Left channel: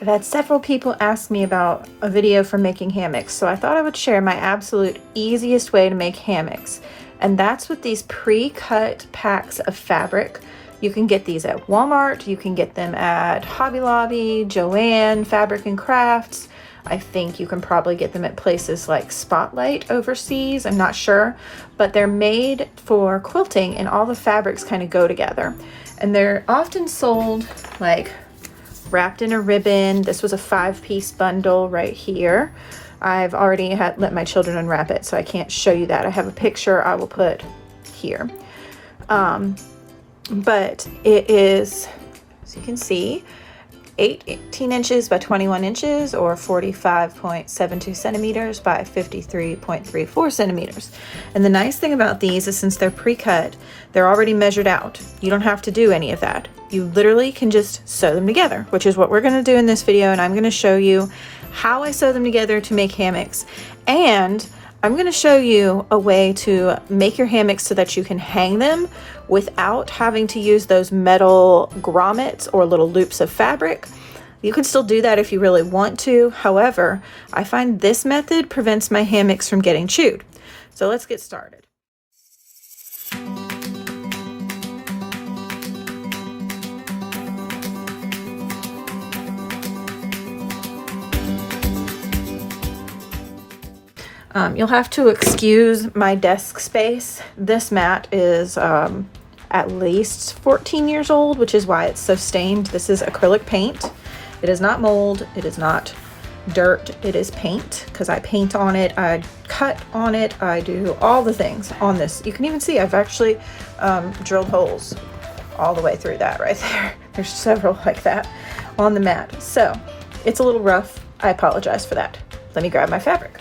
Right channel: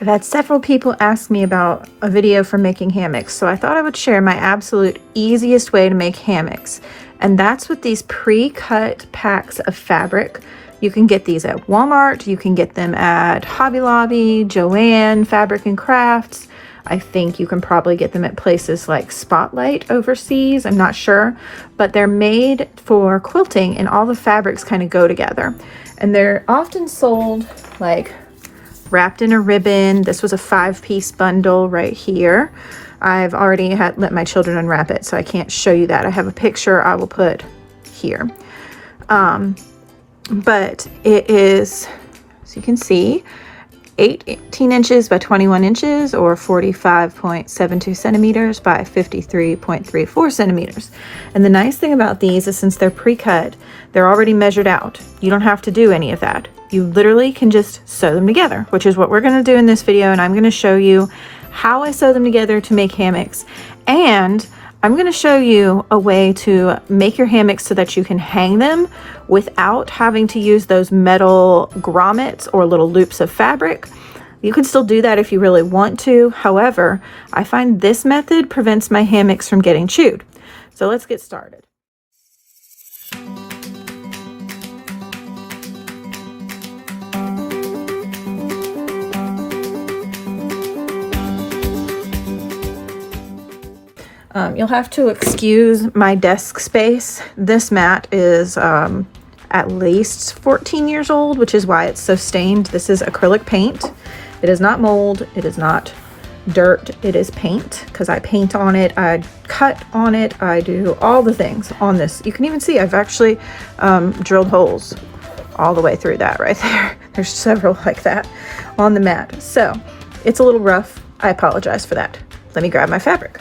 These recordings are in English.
I've had several people ask me about a video for making hammocks, so I thought I would share my absolute easiest way to make hammocks. And that's with these pre-cut packs of fabric. You can get these at Walmart, you can get them at Hobby Lobby, Joann, Fabric and Crafts. I think you can probably get them at places like Spotlight overseas, I'm not sure. But they're made for quilting and all the fabrics kind of go together. And they're often sold like wrapped in a ribbon. This was a 5-piece bundle right here. I've already let my children unwrap it, so I can't show you that. I have a picture I will put here. But it is, as you can see, 18 inches by 21 inches or 45.72 centimeters by 53.34 centimeters. And the nice thing about these is since they're pre-cut, they're already measured out. You don't have to do any of that. You literally can just sew them together, which is what we're going to do in this video. And I'm going to show you how I sew them together to make hammocks. And I'm going to show you a way to make your hammocks so that you can hang them without having to use those metal grommets or little loops of fabric. You can still do that if you really want to. However, I find this method prevents my hammocks from getting chewed. So let's get started. You'll have to excuse my desk space. This mat is at least 14 years old, which is why it's so stained. This is acrylic paint. It is not mold, it is not dirt, it is paint, because I paint on it, I cut on it, I do all the things on this. You can even see I've actually drilled holes all the way through that right there. There's several like that on the mat. So it's a little rough. I apologize for that. Let me grab my fabric.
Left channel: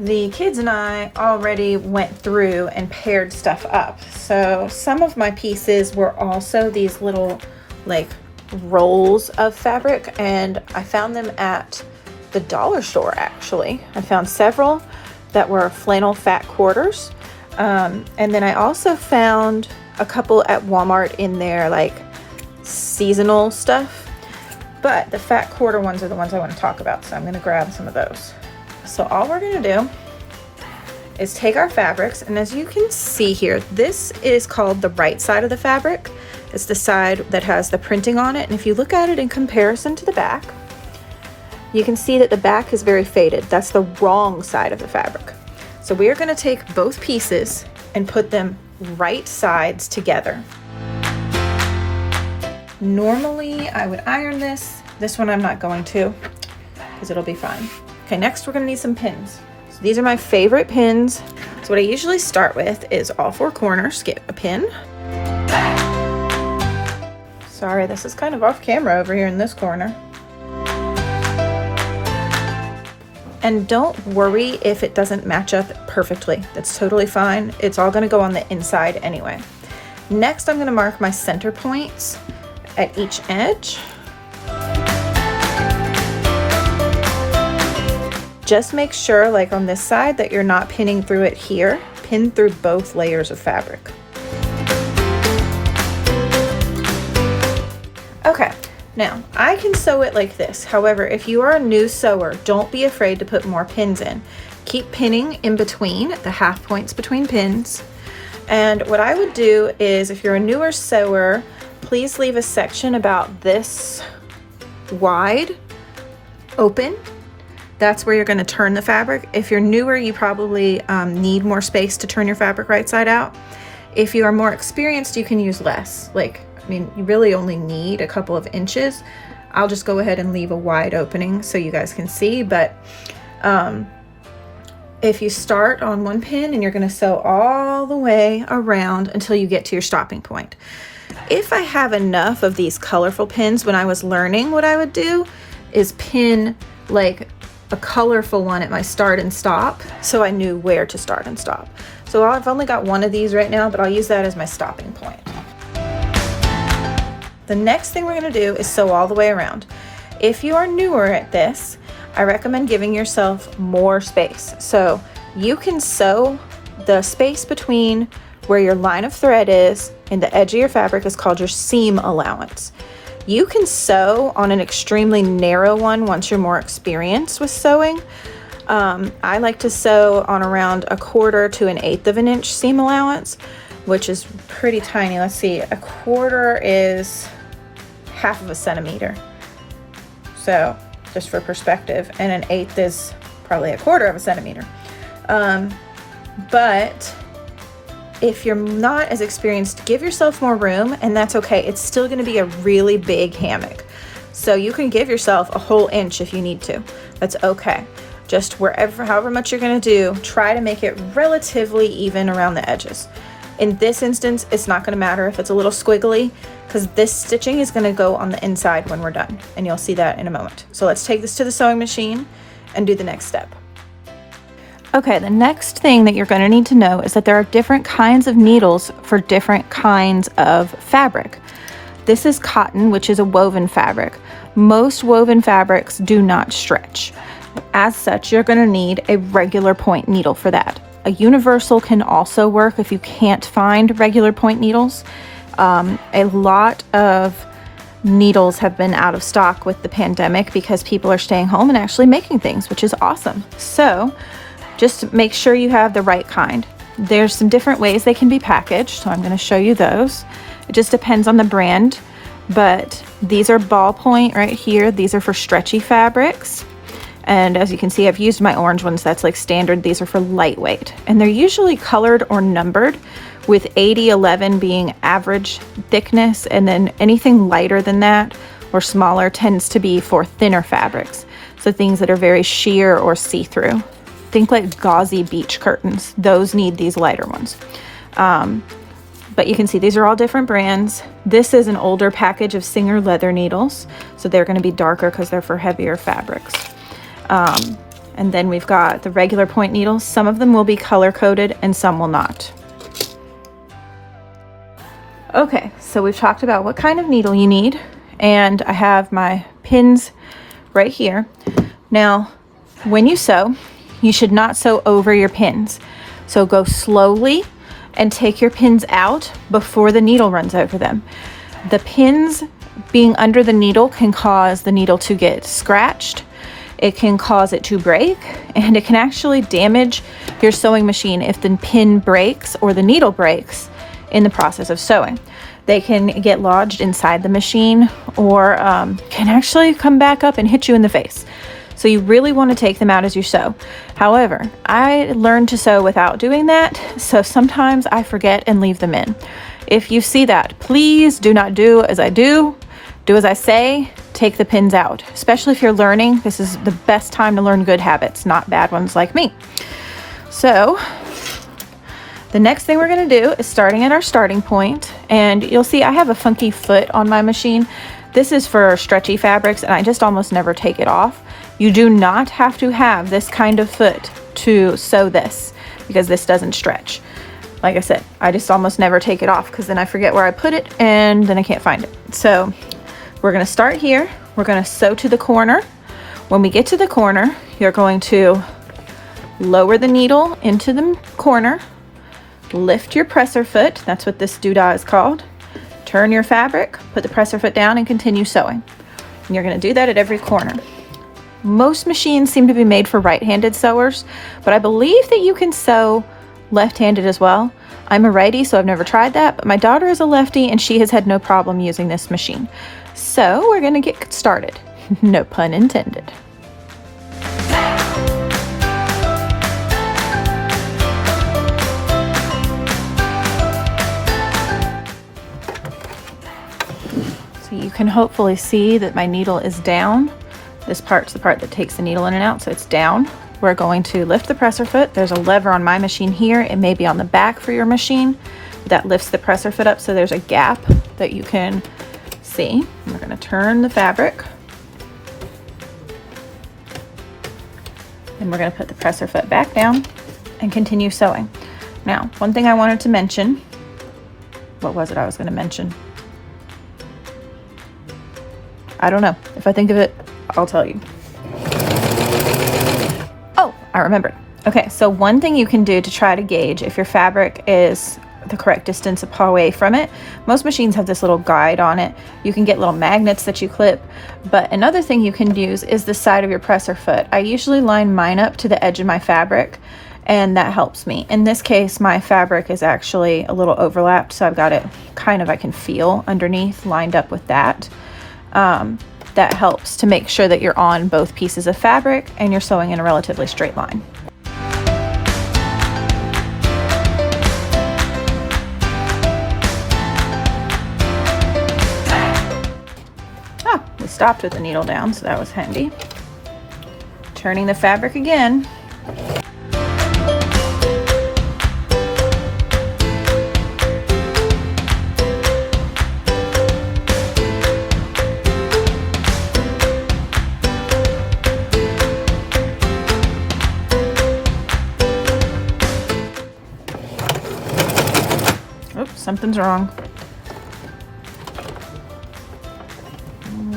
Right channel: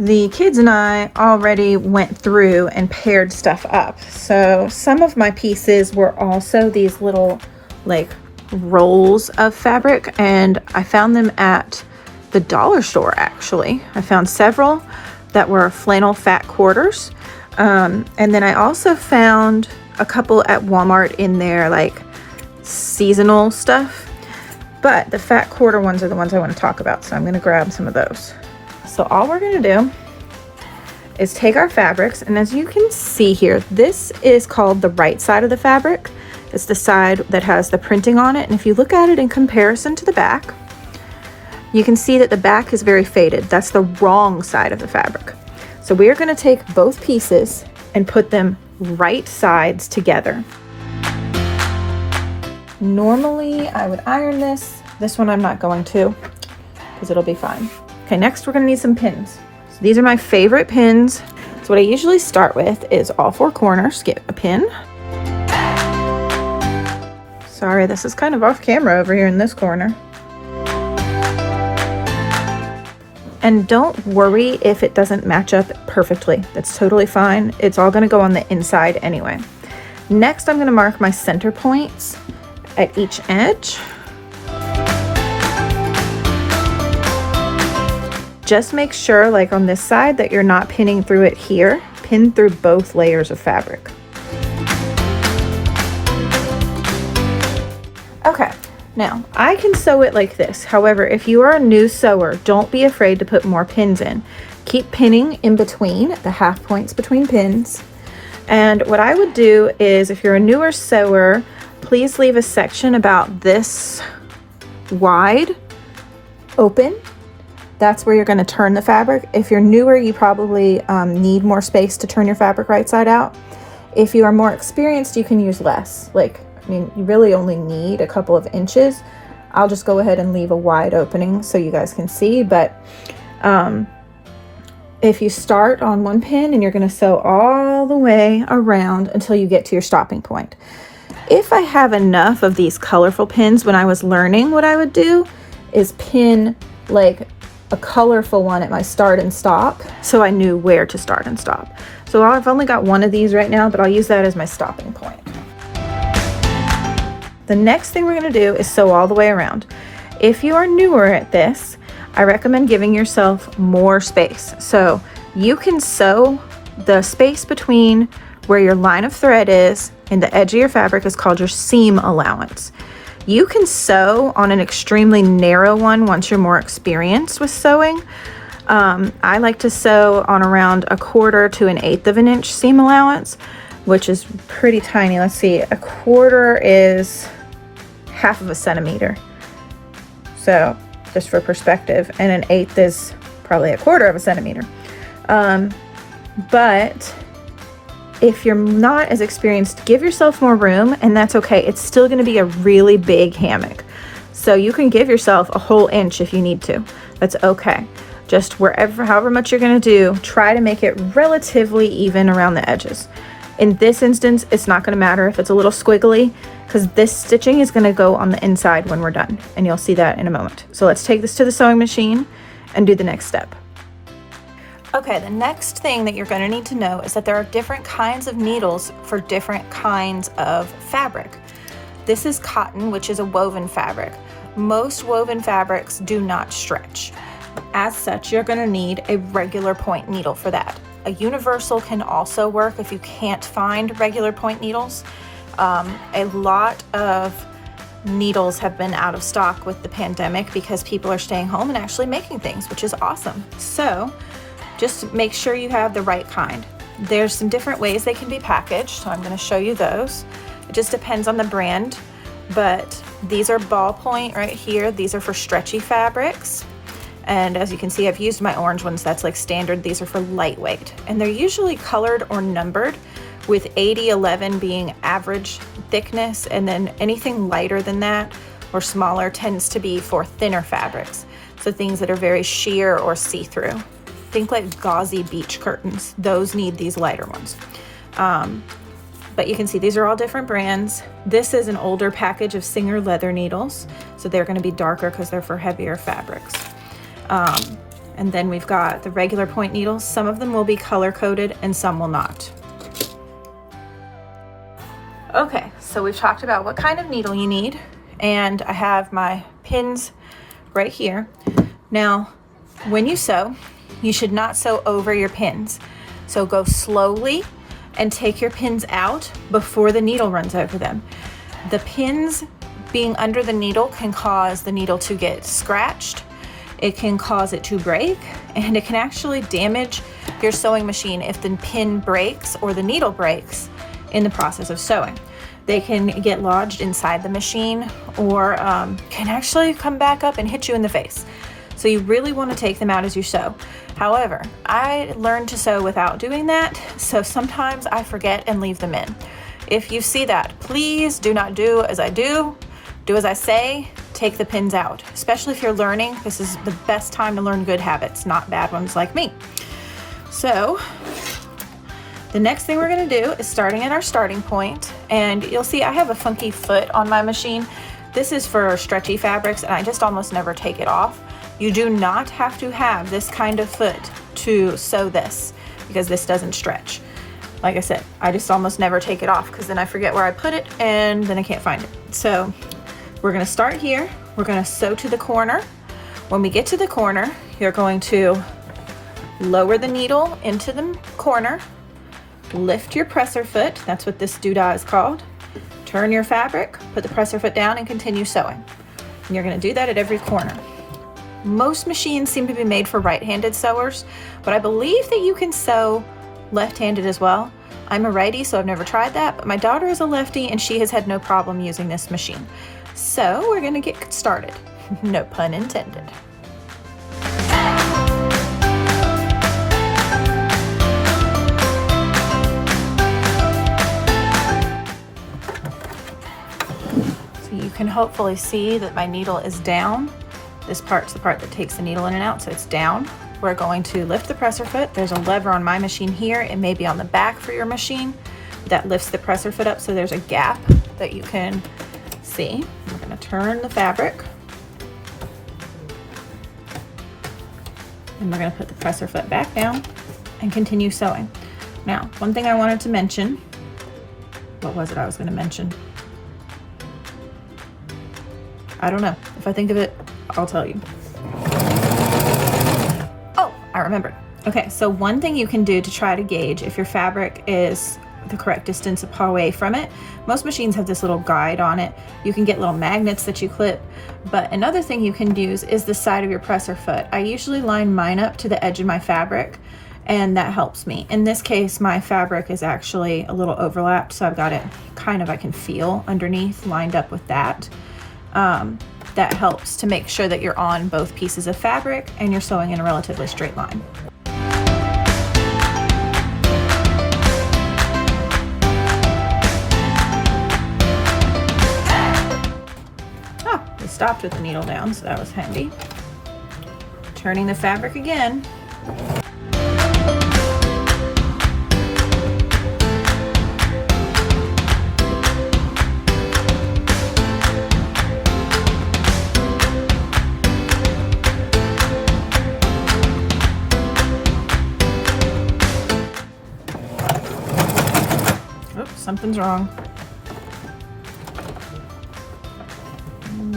The kids and I already went through and paired stuff up. So some of my pieces were also these little like rolls of fabric, and I found them at the dollar store actually. I found several that were flannel fat quarters. And then I also found a couple at Walmart in their like seasonal stuff. But the fat quarter ones are the ones I want to talk about, so I'm going to grab some of those. So all we're going to do is take our fabrics, and as you can see here, this is called the right side of the fabric. It's the side that has the printing on it, and if you look at it in comparison to the back, you can see that the back is very faded. That's the wrong side of the fabric. So we are going to take both pieces and put them right sides together. Normally I would iron this. This one I'm not going to, because it'll be fine. Okay, next we're gonna need some pins. So these are my favorite pins. So what I usually start with is all 4 corners, get a pin. Sorry, this is kind of off camera over here in this corner. And don't worry if it doesn't match up perfectly. That's totally fine. It's all gonna go on the inside anyway. Next, I'm gonna mark my center points at each edge. Just make sure, like on this side, that you're not pinning through it here. Pin through both layers of fabric. Okay, now I can sew it like this. However, if you are a new sewer, don't be afraid to put more pins in. Keep pinning in between, the half points between pins. And what I would do is, if you're a newer sewer, please leave a section about this wide open. That's where you're going to turn the fabric. If you're newer, you probably need more space to turn your fabric right side out. If you are more experienced, you can use less. Like, I mean, you really only need a couple of inches. I'll just go ahead and leave a wide opening so you guys can see. But if you start on one pin and you're going to sew all the way around until you get to your stopping point. If I have enough of these colorful pins, when I was learning, what I would do is pin like a colorful one at my start and stop, so I knew where to start and stop. So I've only got one of these right now, but I'll use that as my stopping point. The next thing we're going to do is sew all the way around. If you are newer at this, I recommend giving yourself more space. So you can sew the space between where your line of thread is and the edge of your fabric is called your seam allowance. You can sew on an extremely narrow one once you're more experienced with sewing. I like to sew on around 1/4 to 1/8 of an inch seam allowance, which is pretty tiny. Let's see, 1/4 is 1/2 centimeter. So just for perspective, and 1/8 is probably 1/4 centimeter. But if you're not as experienced, give yourself more room, and that's okay. It's still going to be a really big hammock. So you can give yourself a whole inch if you need to. That's okay. Just however much you're going to do, try to make it relatively even around the edges. In this instance, it's not going to matter if it's a little squiggly, because this stitching is going to go on the inside when we're done, and you'll see that in a moment. So let's take this to the sewing machine and do the next step. Okay, the next thing that you're going to need to know is that there are different kinds of needles for different kinds of fabric. This is cotton, which is a woven fabric. Most woven fabrics do not stretch. As such, you're going to need a regular point needle for that. A universal can also work if you can't find regular point needles. A lot of needles have been out of stock with the pandemic because people are staying home and actually making things, which is awesome. So just make sure you have the right kind. There's some different ways they can be packaged, so I'm going to show you those. It just depends on the brand, but these are ballpoint right here. These are for stretchy fabrics. And as you can see, I've used my orange ones. That's like standard. These are for lightweight. And they're usually colored or numbered, with 80/11 being average thickness. And then anything lighter than that or smaller tends to be for thinner fabrics. So things that are very sheer or see-through. Think like gauzy beach curtains. Those need these lighter ones. But you can see these are all different brands. This is an older package of Singer leather needles. So they're going to be darker because they're for heavier fabrics. And then we've got the regular point needles. Some of them will be color coded and some will not. Okay, so we've talked about what kind of needle you need, and I have my pins right here. Now, when you sew, you should not sew over your pins. So go slowly and take your pins out before the needle runs over them. The pins being under the needle can cause the needle to get scratched. It can cause it to break, and it can actually damage your sewing machine if the pin breaks or the needle breaks in the process of sewing. They can get lodged inside the machine, or can actually come back up and hit you in the face. So you really want to take them out as you sew. However, I learned to sew without doing that, so sometimes I forget and leave them in. If you see that, please do not do as I do. Do as I say, take the pins out. Especially if you're learning, this is the best time to learn good habits, not bad ones like me. So the next thing we're going to do is starting at our starting point, and you'll see I have a funky foot on my machine. This is for stretchy fabrics, and I just almost never take it off. You do not have to have this kind of foot to sew this, because this doesn't stretch. Like I said, I just almost never take it off because then I forget where I put it and then I can't find it. So we're going to start here. We're going to sew to the corner. When we get to the corner, you're going to lower the needle into the corner, lift your presser foot. That's what this doodah is called. Turn your fabric, put the presser foot down, and continue sewing. And you're going to do that at every corner. Most machines seem to be made for right-handed sewers, but I believe that you can sew left-handed as well. I'm a righty, so I've never tried that, but my daughter is a lefty and she has had no problem using this machine. So we're gonna get started. No pun intended. So you can hopefully see that my needle is down. This part's the part that takes the needle in and out, so it's down. We're going to lift the presser foot. There's a lever on my machine here. It may be on the back for your machine that lifts the presser foot up, so there's a gap that you can see. We're going to turn the fabric, and we're going to put the presser foot back down and continue sewing. Now, one thing I wanted to mention, what was it I was going to mention? I don't know. If I think of it, I'll tell you. I remembered. Okay, so one thing you can do to try to gauge if your fabric is the correct distance away from it. Most machines have this little guide on it. You can get little magnets that you clip, but another thing you can use is the side of your presser foot. I usually line mine up to the edge of my fabric, and that helps me. In this case, my fabric is actually a little overlapped, so I've got it kind of, I can feel underneath, lined up with that. That helps to make sure that you're on both pieces of fabric and you're sewing in a relatively straight line. We stopped with the needle down, so that was handy. Turning the fabric again. Something's wrong.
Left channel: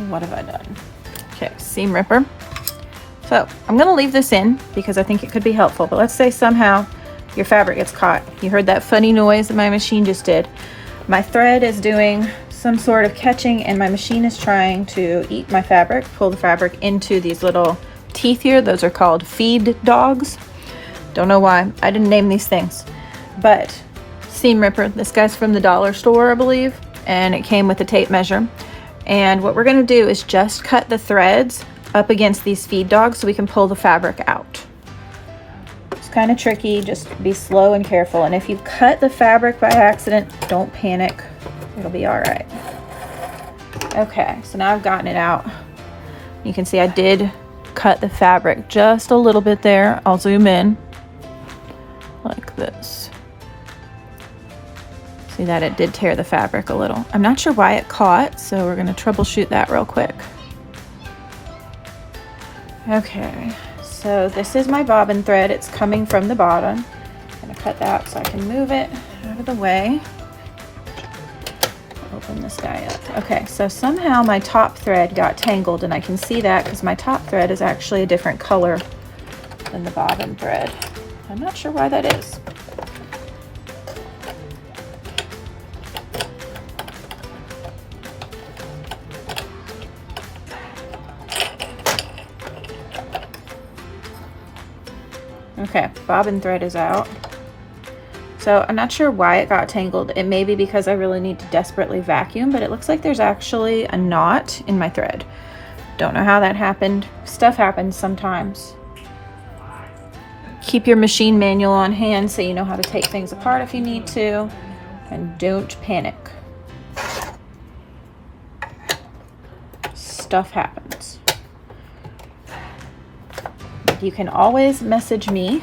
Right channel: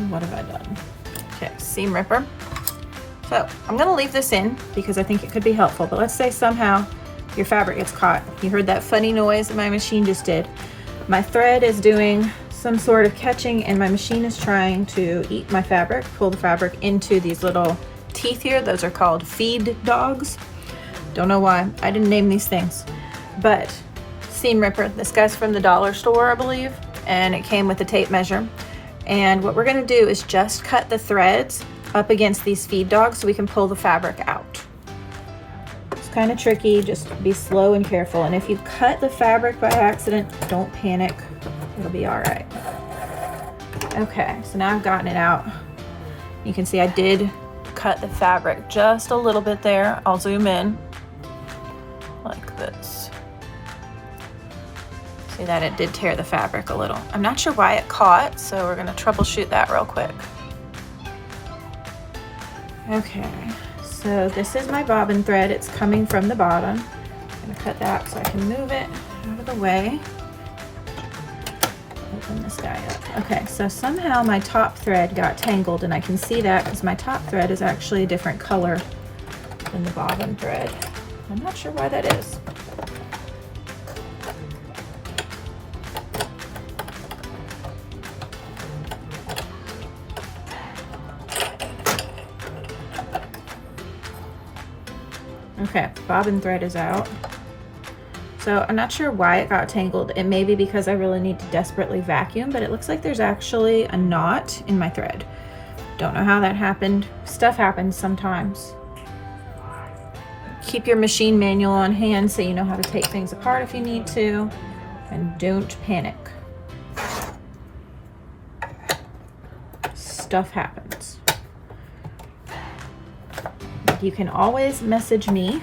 What have I done? Okay, seam ripper. So I'm gonna leave this in because I think it could be helpful, but let's say somehow your fabric gets caught. You heard that funny noise that my machine just did. My thread is doing some sort of catching and my machine is trying to eat my fabric, pull the fabric into these little teeth here. Those are called feed dogs. Don't know why, I didn't name these things, but seam ripper. This guy's from the dollar store, I believe, and it came with a tape measure. And what we're going to do is just cut the threads up against these feed dogs so we can pull the fabric out. It's kind of tricky, just be slow and careful. And if you cut the fabric by accident, don't panic, it'll be all right. Okay, so now I've gotten it out. You can see I did cut the fabric just a little bit there. I'll zoom in like this. See that it did tear the fabric a little. I'm not sure why it caught, so we're gonna troubleshoot that real quick. Okay, so this is my bobbin thread. It's coming from the bottom. I'm gonna cut that so I can move it out of the way. Open this guy up. Okay, so somehow my top thread got tangled, and I can see that because my top thread is actually a different color than the bobbin thread. I'm not sure why that is. Okay, bobbin thread is out. So I'm not sure why it got tangled. It may be because I really need to desperately vacuum, but it looks like there's actually a knot in my thread. Don't know how that happened. Stuff happens sometimes. Keep your machine manual on hand so you know how to take things apart if you need to, and don't panic. Stuff happens. You can always message me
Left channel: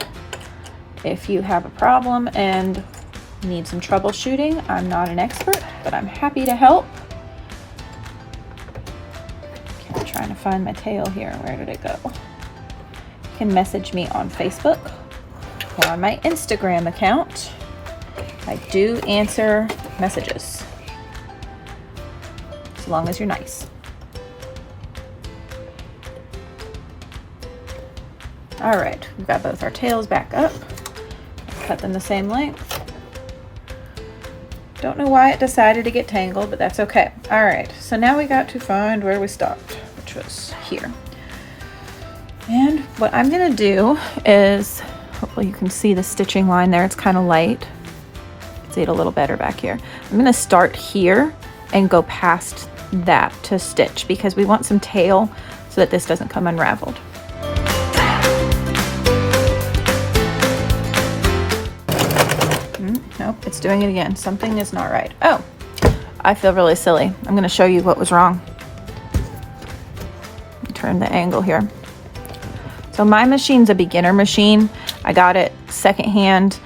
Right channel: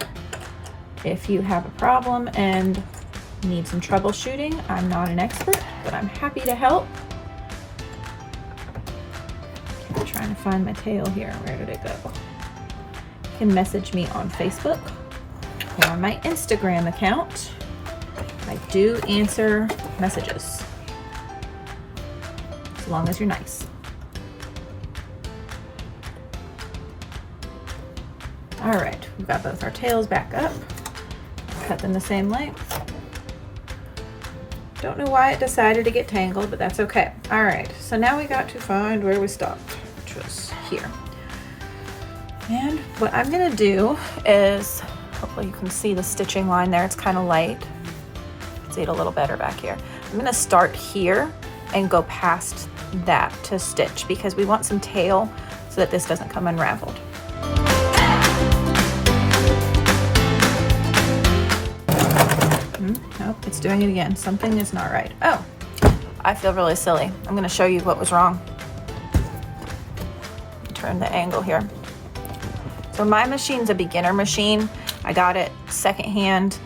if you have a problem and need some troubleshooting. I'm not an expert, but I'm happy to help. Okay, I'm trying to find my tail here. Where did it go? You can message me on Facebook or on my Instagram account. I do answer messages, as long as you're nice. All right, we've got both our tails back up. Cut them the same length. Don't know why it decided to get tangled, but that's okay. All right, so now we got to find where we stopped, which was here. And what I'm gonna do is, hopefully you can see the stitching line there, it's kind of light. See it a little better back here. I'm gonna start here and go past that to stitch because we want some tail so that this doesn't come unraveled. Nope, it's doing it again. Something is not right. Oh, I feel really silly. I'm gonna show you what was wrong. Turn the angle here. So my machine's a beginner machine. I got it secondhand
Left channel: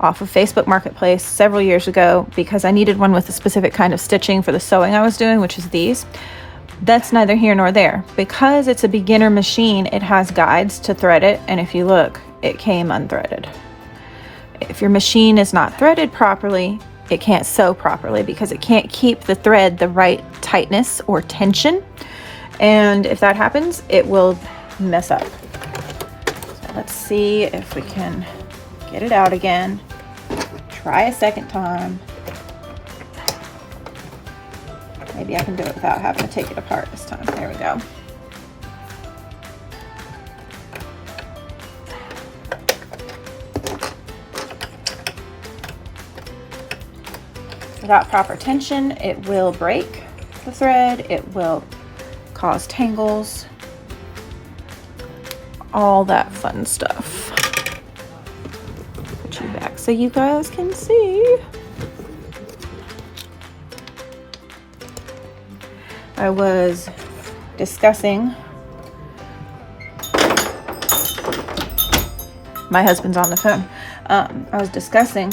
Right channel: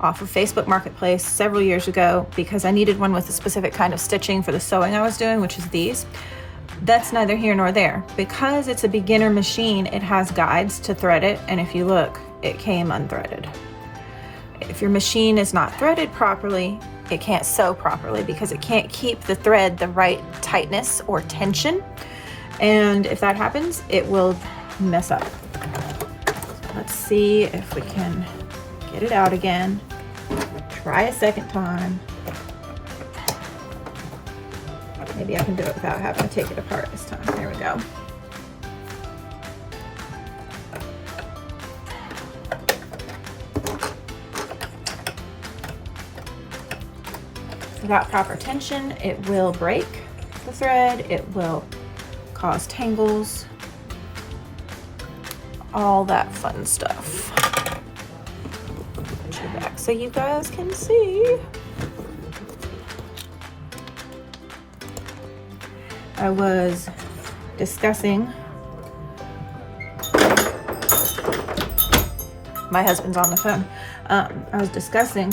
off of Facebook Marketplace several years ago because I needed one with a specific kind of stitching for the sewing I was doing, which is these. That's neither here nor there. Because it's a beginner machine, it has guides to thread it, and if you look, it came unthreaded. If your machine is not threaded properly, it can't sew properly because it can't keep the thread the right tightness or tension. And if that happens, it will mess up. So let's see if we can get it out again. Try a second time. Maybe I can do it without having to take it apart this time. There we go. Without proper tension, it will break the thread, it will cause tangles, all that fun stuff. Put you back so you guys can see. I was discussing, my husband's on the phone. I was discussing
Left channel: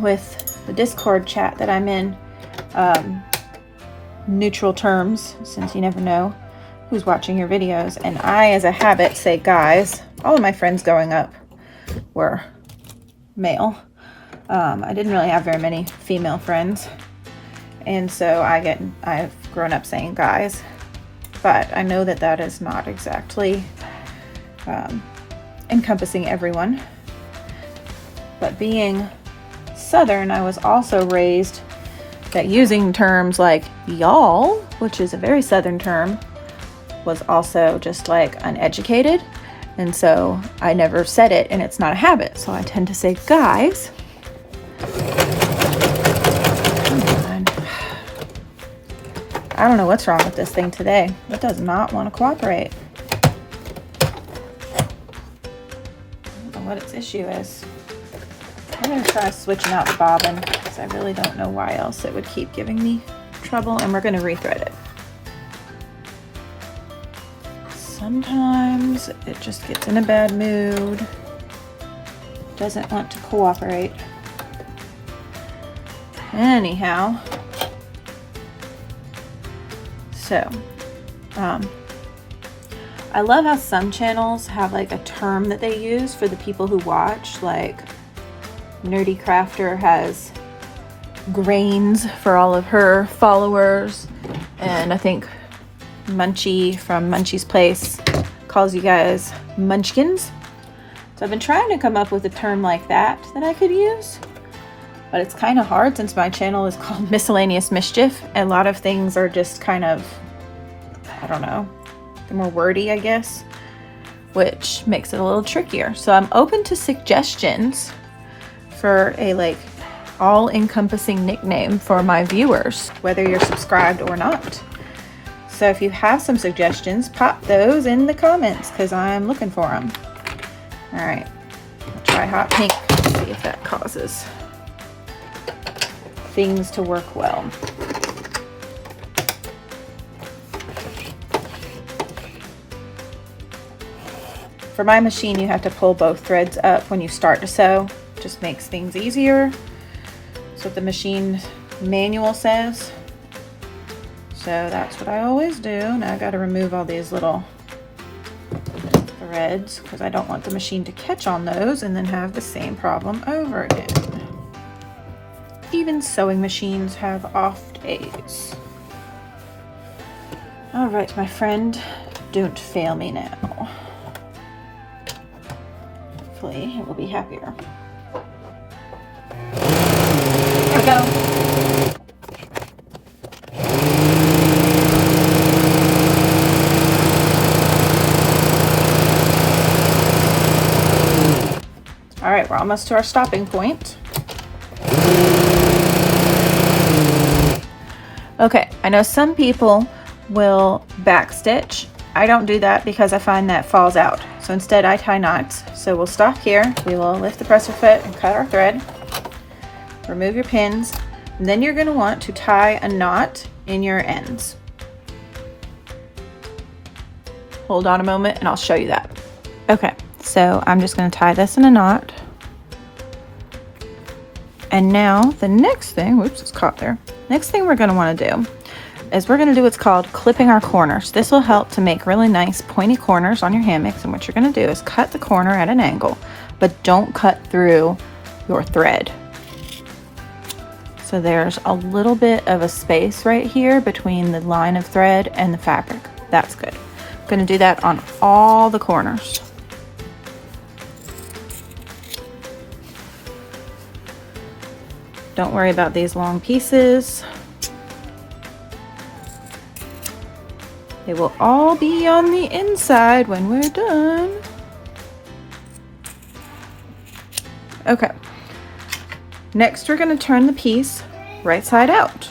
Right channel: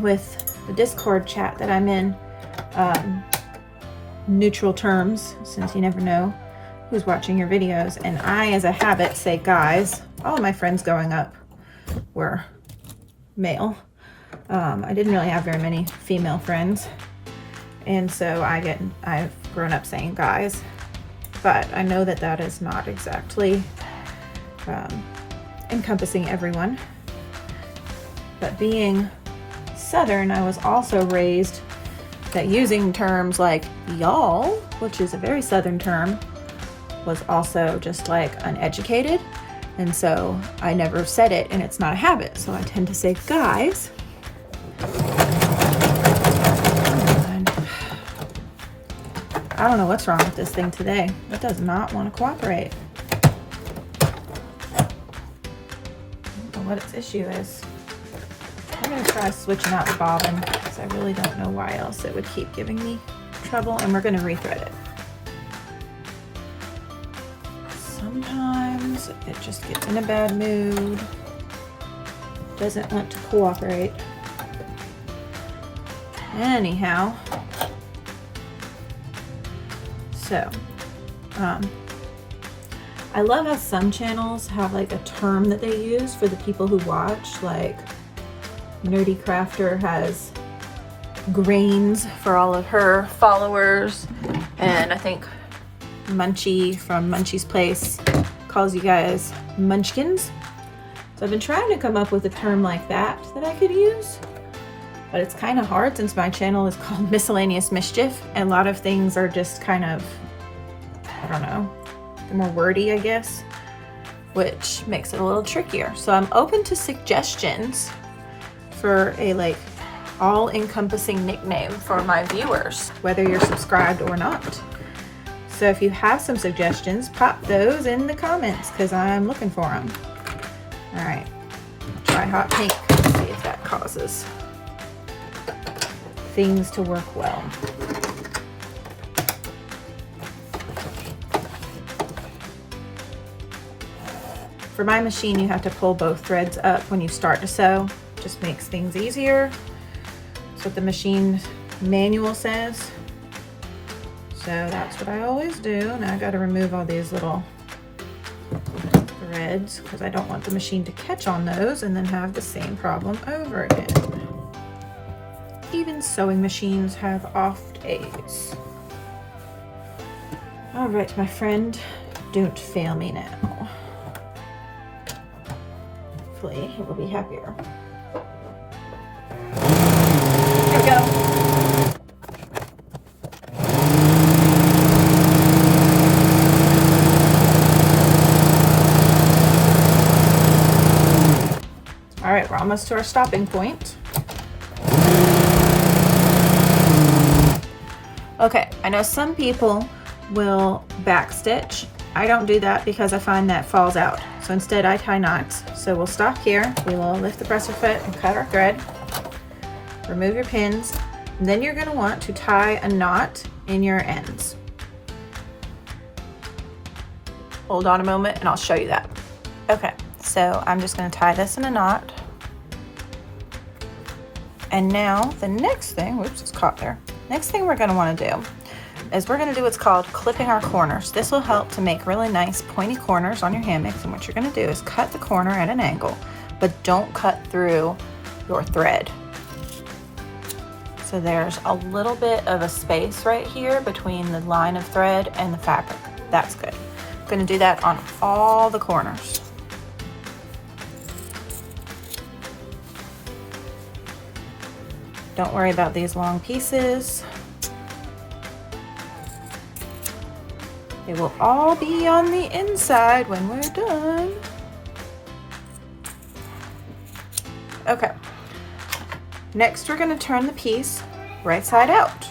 with the Discord chat that I'm in, neutral terms, since you never know who's watching your videos, and I, as a habit, say guys. All of my friends growing up were male. I didn't really have very many female friends, and so I've grown up saying guys, but I know that that is not exactly encompassing everyone. But being Southern, I was also raised that using terms like y'all, which is a very Southern term, was also just like uneducated, and so I never said it, and it's not a habit, so I tend to say guys. I don't know what's wrong with this thing today. It does not want to cooperate. I don't know what its issue is. I'm going to try switching out the bobbin because I really don't know why else it would keep giving me trouble, and we're going to rethread it. Sometimes it just gets in a bad mood, doesn't want to cooperate. Anyhow, so I love how some channels have like a term that they use for the people who watch, like Nerdy Crafter has grains for all of her followers, and I think Munchie from Munchie's Place calls you guys munchkins. So I've been trying to come up with a term like that I could use, but it's kind of hard since my channel is called Miscellaneous Mischief, and a lot of things are just kind of, I don't know, they're more wordy, I guess, which makes it a little trickier. So I'm open to suggestions for a like all-encompassing nickname for my viewers, whether you're subscribed or not. So if you have some suggestions, pop those in the comments because I'm looking for them. All right, try hot pink, see if that causes things to work well. For my machine, you have to pull both threads up when you start to sew. Just makes things easier. That's what the machine manual says. So that's what I always do. Now I got to remove all these little threads because I don't want the machine to catch on those and then have the same problem over again. Even sewing machines have off days. All right, my friend, don't fail me now. Hopefully he will be happier. Here we go. All right, we're almost to our stopping point. Okay, I know some people will backstitch. I don't do that because I find that falls out. So instead I tie knots. So we'll stop here. We will lift the presser foot and cut our thread. Remove your pins. And then you're going to want to tie a knot in your ends. Hold on a moment and I'll show you that. Okay, so I'm just going to tie this in a knot. And now the next thing, whoops, it's caught there. Next thing we're going to want to do is we're going to do what's called clipping our corners. This will help to make really nice pointy corners on your hammocks, and what you're going to do is cut the corner at an angle, but don't cut through your thread. So there's a little bit of a space right here between the line of thread and the fabric. That's good. I'm going to do that on all the corners. Don't worry about these long pieces. They will all be on the inside when we're done. Okay. Next, we're going to turn the piece right side out.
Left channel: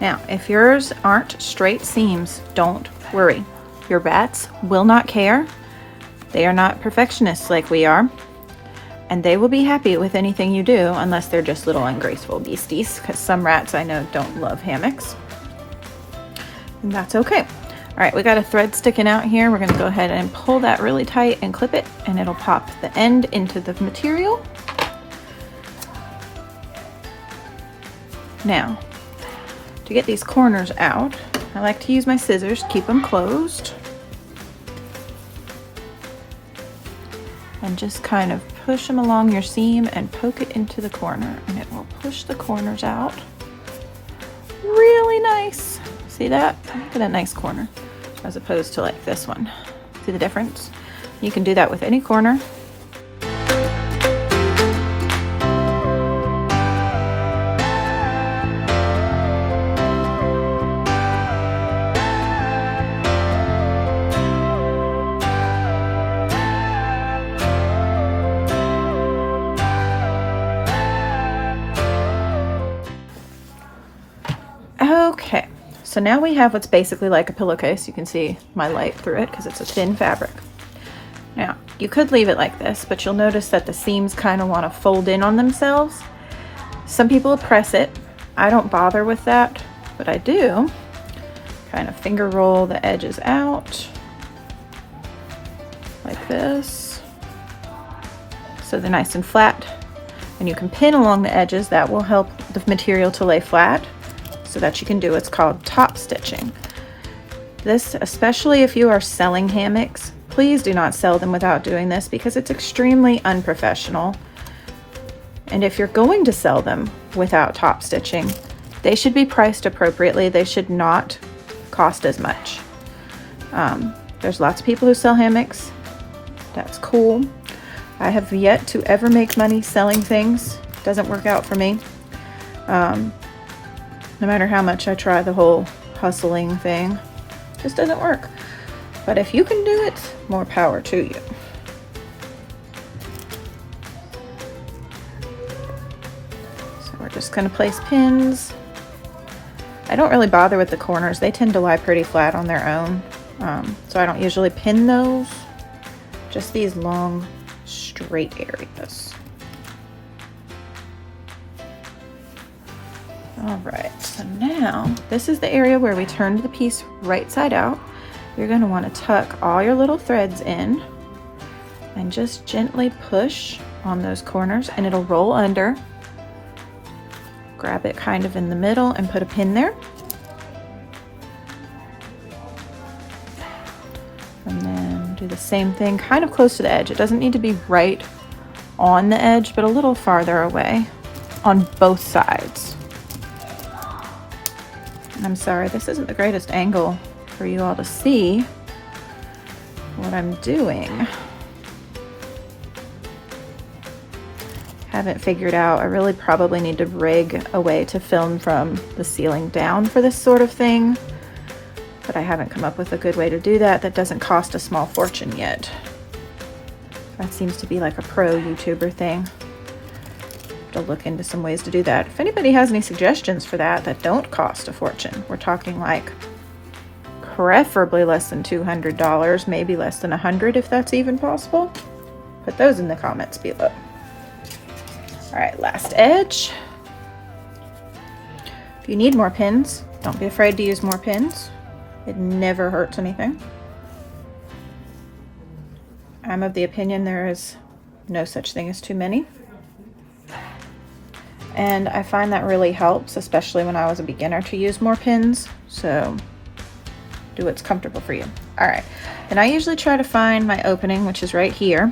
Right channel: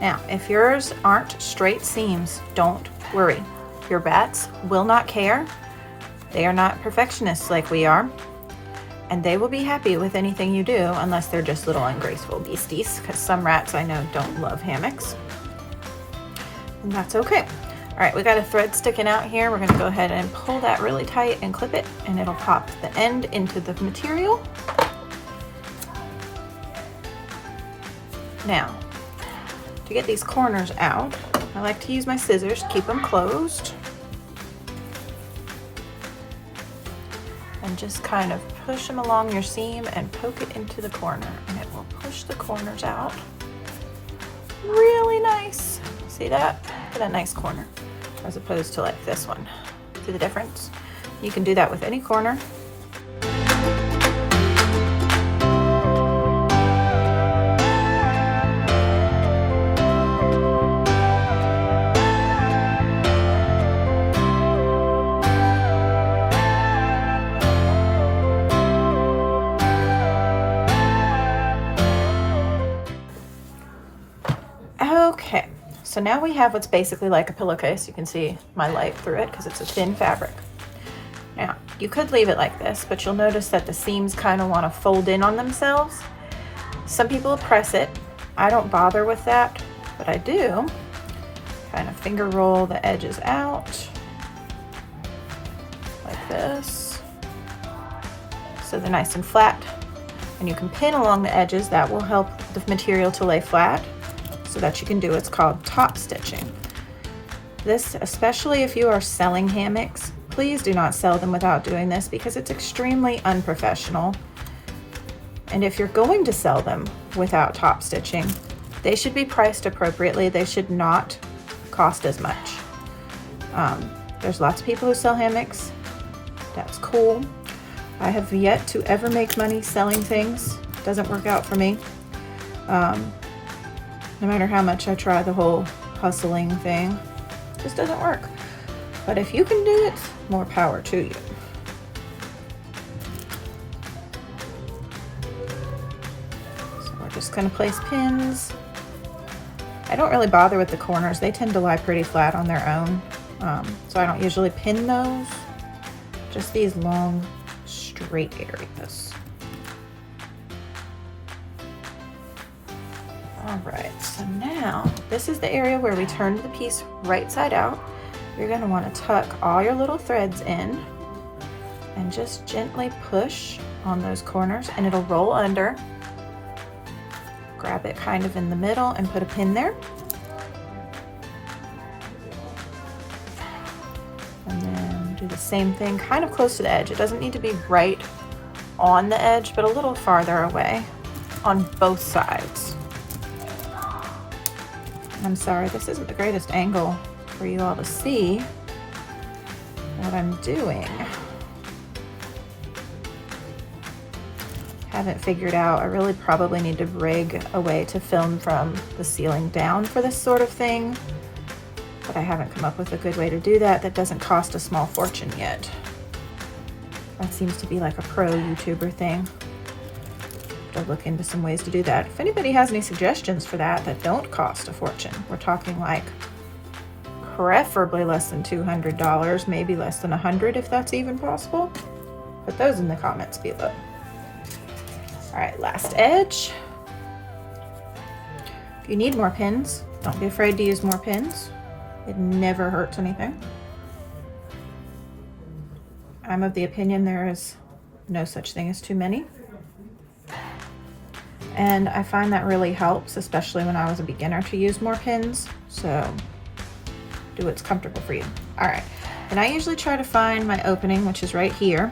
Now, if yours aren't straight seams, don't worry. Your bats will not care. They are not perfectionists like we are, and they will be happy with anything you do unless they're just little ungraceful beasties, because some rats I know don't love hammocks. And that's okay. All right, we got a thread sticking out here. We're gonna go ahead and pull that really tight and clip it, and it'll pop the end into the material. Now, to get these corners out, I like to use my scissors to keep them closed. And just kind of push them along your seam and poke it into the corner, and it will push the corners out. Really nice. See that? Look at that nice corner, as opposed to like this one. See the difference? You can do that with any corner. Okay, so now we have what's basically like a pillowcase. You can see my light through it because it's a thin fabric. Now, you could leave it like this, but you'll notice that the seams kind of want to fold in on themselves. Some people press it. I don't bother with that, but I do kind of finger roll the edges out like this, so they're nice and flat. And you can pin along the edges. That will help the material to lay flat, so that you can do what's called top stitching. This, especially if you are selling hammocks, please do not sell them without doing this because it's extremely unprofessional. And if you're going to sell them without top stitching, they should be priced appropriately. They should not cost as much. There's lots of people who sell hammocks. That's cool. I have yet to ever make money selling things. It doesn't work out for me. No matter how much I try the whole hustling thing, it just doesn't work. But if you can do it, more power to you. So we're just gonna place pins. I don't really bother with the corners. They tend to lie pretty flat on their own. So I don't usually pin those. Just these long, straight areas. Alright, so now this is the area where we turned the piece right side out. You're going to want to tuck all your little threads in and just gently push on those corners, and it'll roll under. Grab it kind of in the middle and put a pin there. And then do the same thing kind of close to the edge. It doesn't need to be right on the edge, but a little farther away on both sides. I'm sorry, this isn't the greatest angle for you all to see what I'm doing. Haven't figured out. I really probably need to rig a way to film from the ceiling down for this sort of thing, but I haven't come up with a good way to do that that doesn't cost a small fortune yet. That seems to be like a pro YouTuber thing. To look into some ways to do that. If anybody has any suggestions for that don't cost a fortune, we're talking like preferably less than $200, maybe less than $100 if that's even possible. Put those in the comments below. All right, last edge. If you need more pins, don't be afraid to use more pins. It never hurts anything. I'm of the opinion there is no such thing as too many. And I find that really helps, especially when I was a beginner, to use more pins. So do what's comfortable for you. All right, and I usually try to find my opening, which is right here.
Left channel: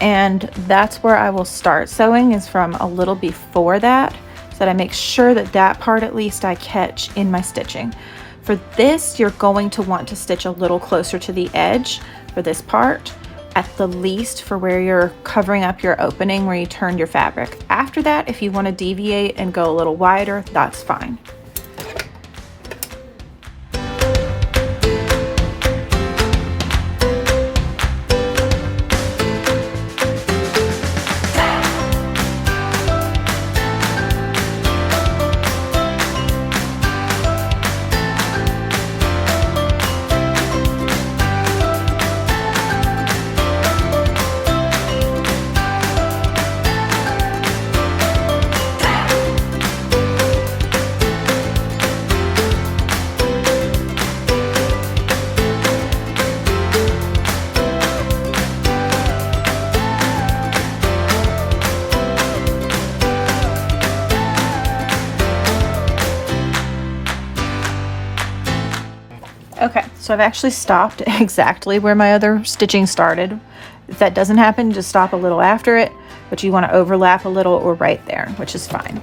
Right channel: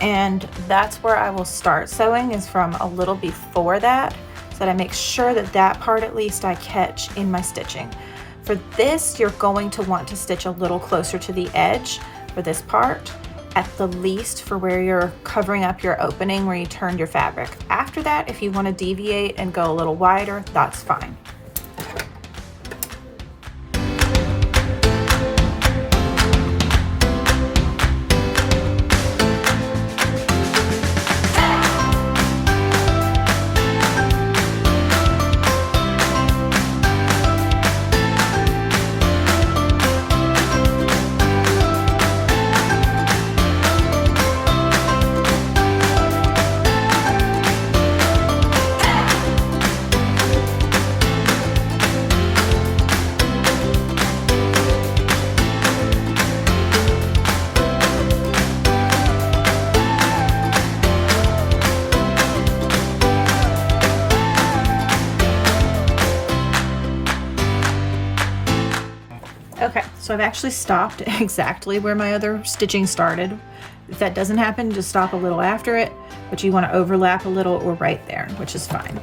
And that's where I will start sewing, is from a little before that, so that I make sure that that part at least I catch in my stitching. For this, you're going to want to stitch a little closer to the edge, for this part, at the least for where you're covering up your opening where you turn your fabric. After that, if you want to deviate and go a little wider, that's fine. Okay, so I've actually stopped exactly where my other stitching started. If that doesn't happen, just stop a little after it, but you want to overlap a little or right there, which is fine.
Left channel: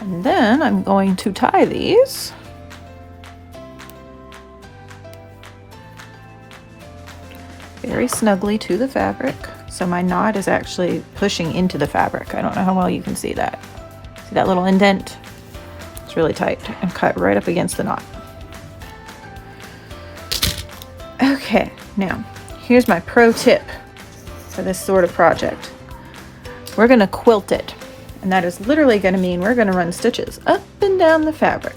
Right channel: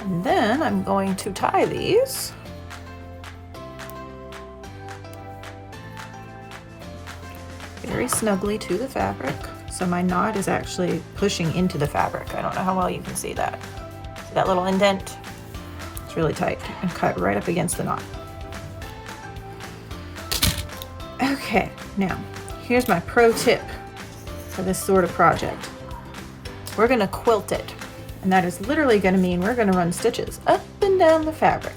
And then I'm going to tie these. Very snugly to the fabric. So my knot is actually pushing into the fabric. I don't know how well you can see that. See that little indent? It's really tight and cut right up against the knot. Okay, now here's my pro tip for this sort of project. We're gonna quilt it, and that is literally gonna mean we're gonna run stitches up and down the fabric.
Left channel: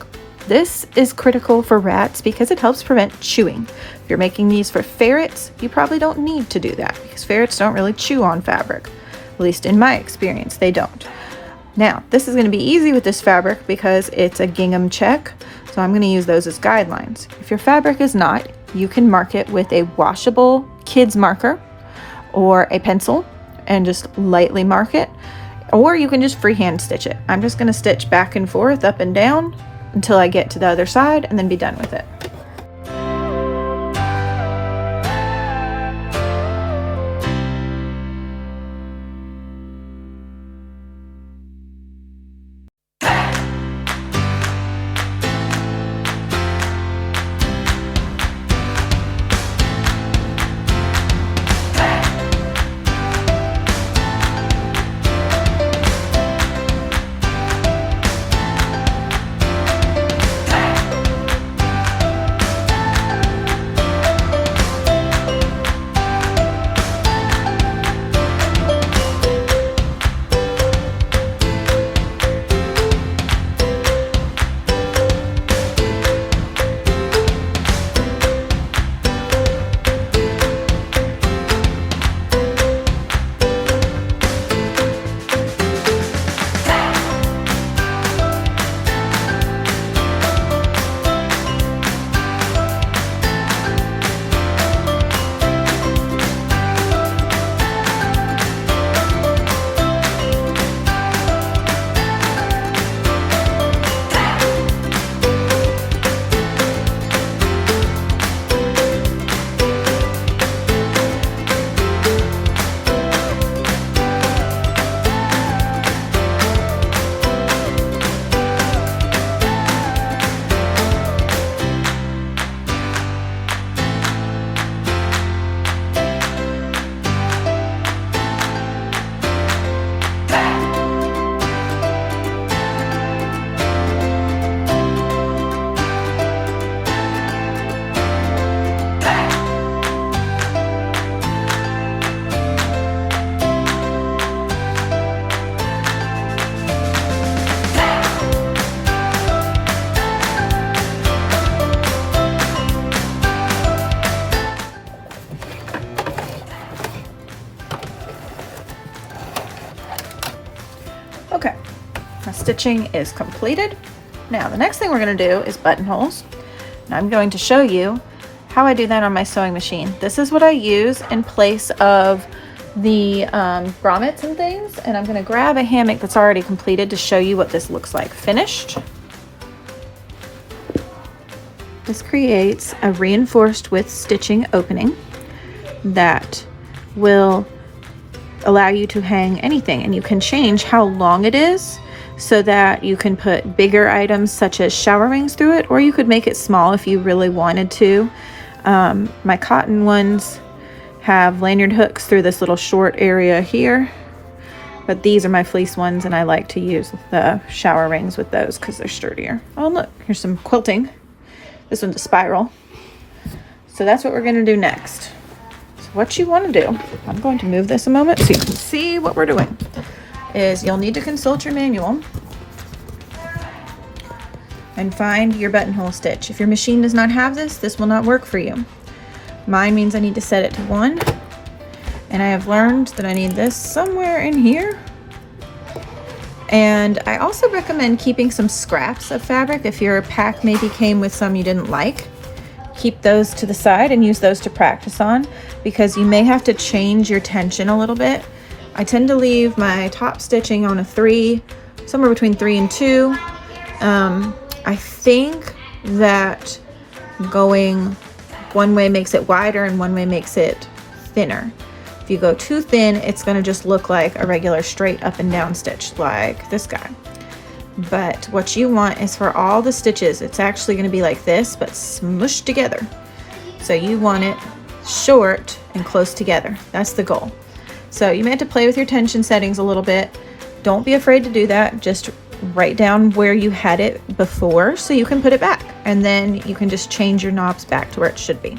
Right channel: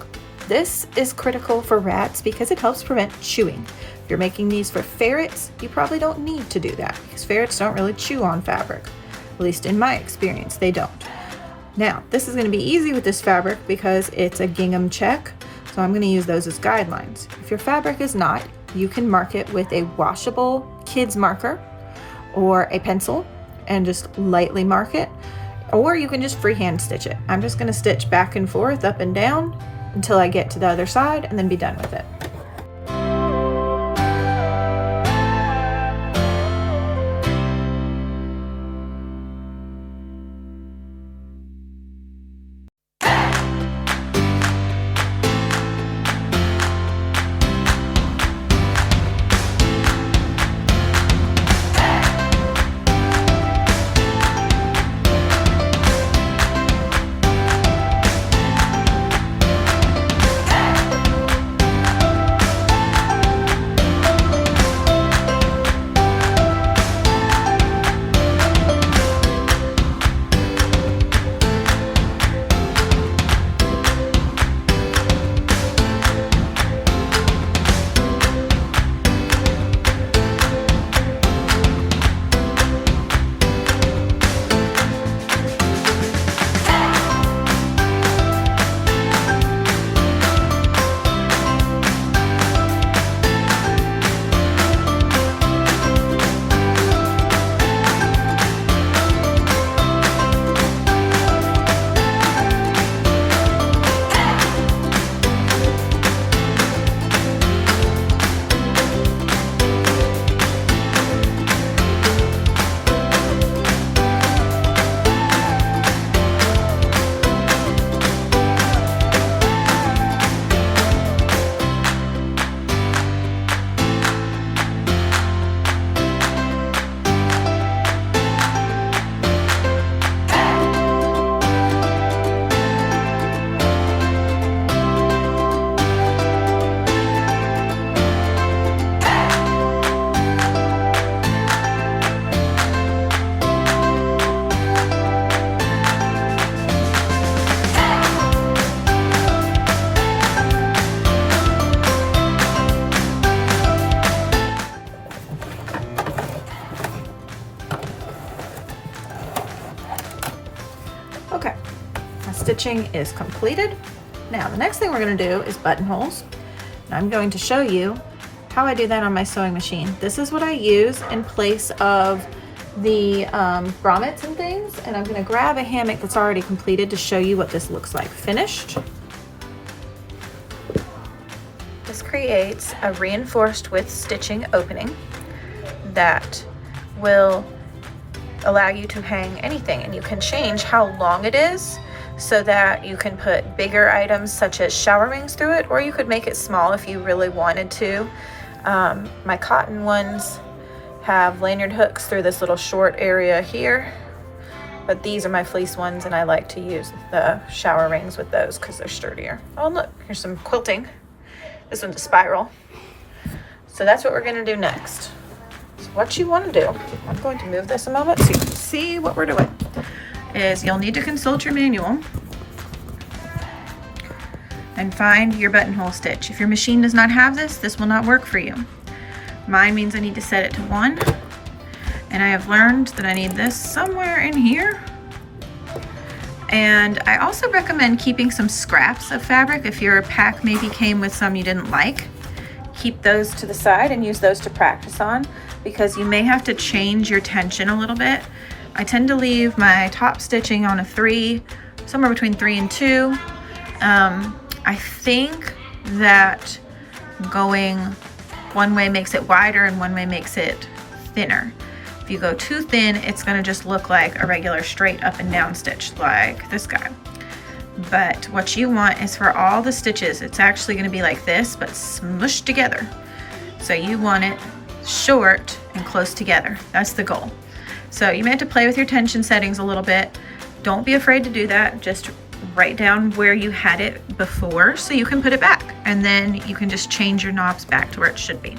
This is critical for rats because it helps prevent chewing. If you're making these for ferrets, you probably don't need to do that because ferrets don't really chew on fabric. At least in my experience, they don't. Now, this is going to be easy with this fabric because it's a gingham check, so I'm going to use those as guidelines. If your fabric is not, you can mark it with a washable kids marker or a pencil and just lightly mark it, or you can just freehand stitch it. I'm just going to stitch back and forth, up and down, until I get to the other side and then be done with it. Okay, my stitching is completed. Now the next thing we're going to do is buttonholes. And I'm going to show you how I do that on my sewing machine. This is what I use in place of the grommets and things, and I'm going to grab a hammock that's already completed to show you what this looks like finished. This creates a reinforced width stitching opening that will allow you to hang anything, and you can change how long it is so that you can put bigger items such as shower rings through it, or you could make it small if you really wanted to. My cotton ones have lanyard hooks through this little short area here, but these are my fleece ones, and I like to use the shower rings with those because they're sturdier. Oh look, here's some quilting. This one's a spiral. So that's what we're going to do next. So what you want to do, I'm going to move this a moment so you can see what we're doing, is you'll need to consult your manual and find your buttonhole stitch. If your machine does not have this, this will not work for you. Mine means I need to set it to 1, and I have learned that I need this somewhere in here. And I also recommend keeping some scraps of fabric. If your pack maybe came with some you didn't like, keep those to the side and use those to practice on, because you may have to change your tension a little bit. I tend to leave my top stitching on a 3, somewhere between 3 and 2. I think that going one way makes it wider and one way makes it thinner. If you go too thin, it's going to just look like a regular straight up and down stitch like this guy. But what you want is for all the stitches, it's actually going to be like this, but smushed together. So you want it short and close together. That's the goal. So you may have to play with your tension settings a little bit. Don't be afraid to do that. Just write down where you had it before so you can put it back, and then you can just change your knobs back to where it should be.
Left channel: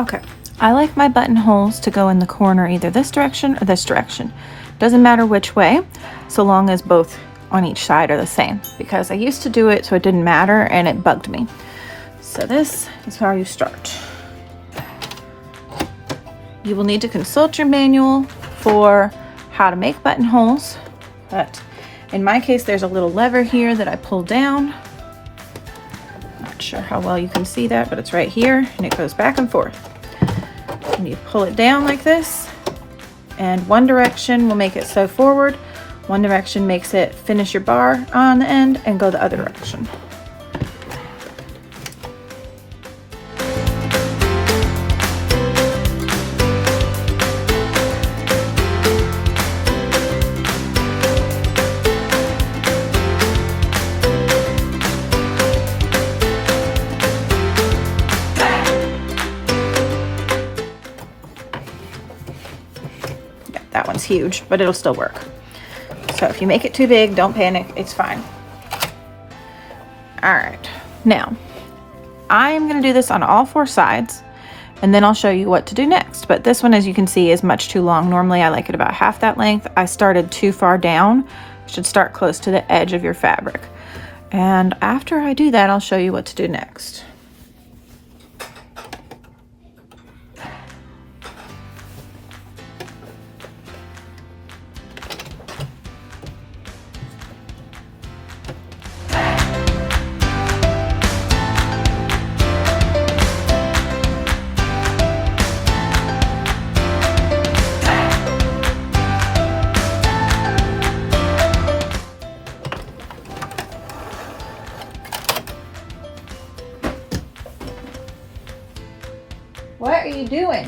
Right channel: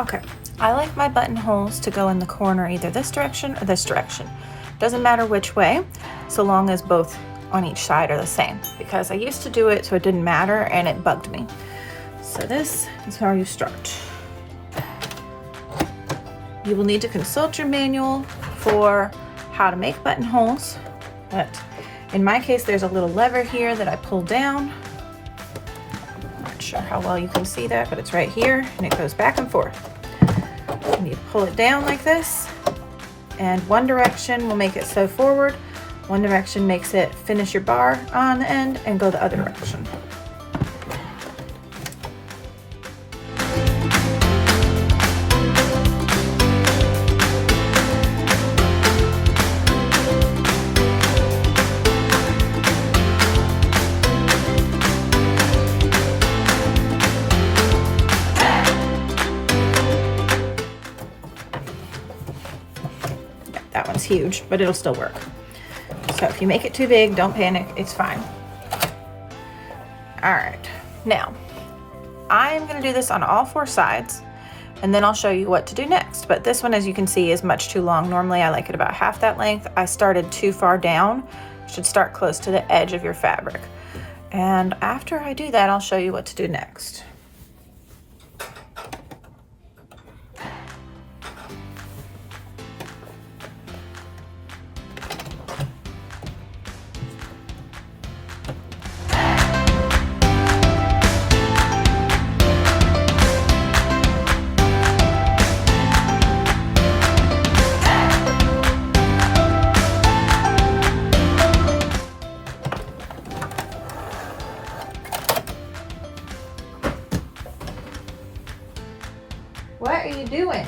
Okay, I like my buttonholes to go in the corner either this direction or this direction. Doesn't matter which way, so long as both on each side are the same, because I used to do it so it didn't matter and it bugged me. So this is how you start. You will need to consult your manual for how to make buttonholes, but in my case there's a little lever here that I pull down. Not sure how well you can see that, but it's right here and it goes back and forth. And you pull it down like this, and one direction will make it sew forward, one direction makes it finish your bar on the end and go the other direction. Huge, but it'll still work. So if you make it too big, don't panic, it's fine. All right, now I'm going to do this on all 4 sides, and then I'll show you what to do next. But this one, as you can see, is much too long. Normally I like it about half that length. I started too far down. You should start close to the edge of your fabric. And after I do that, I'll show you what to do next. What are you doing?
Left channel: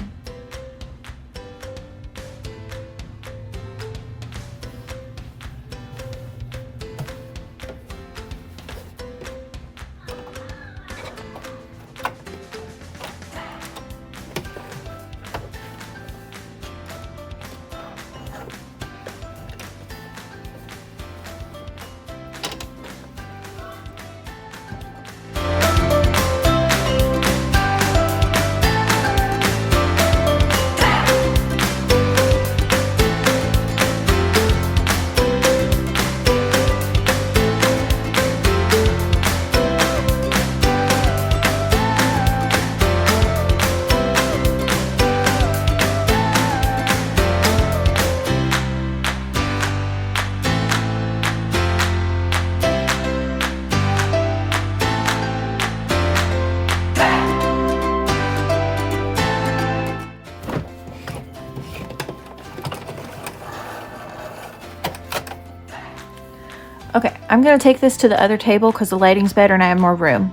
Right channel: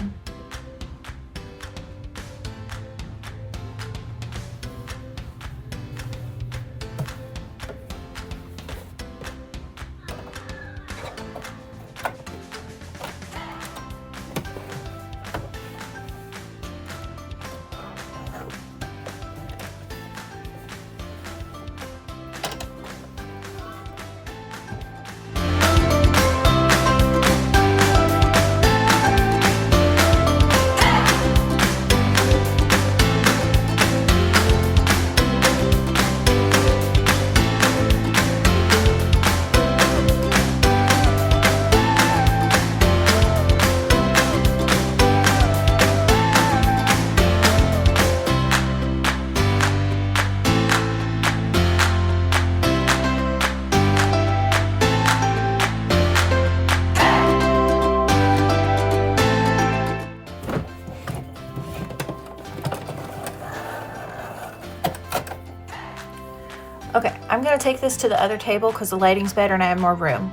Okay, I'm gonna take this to the other table because the lighting's better and I have more room.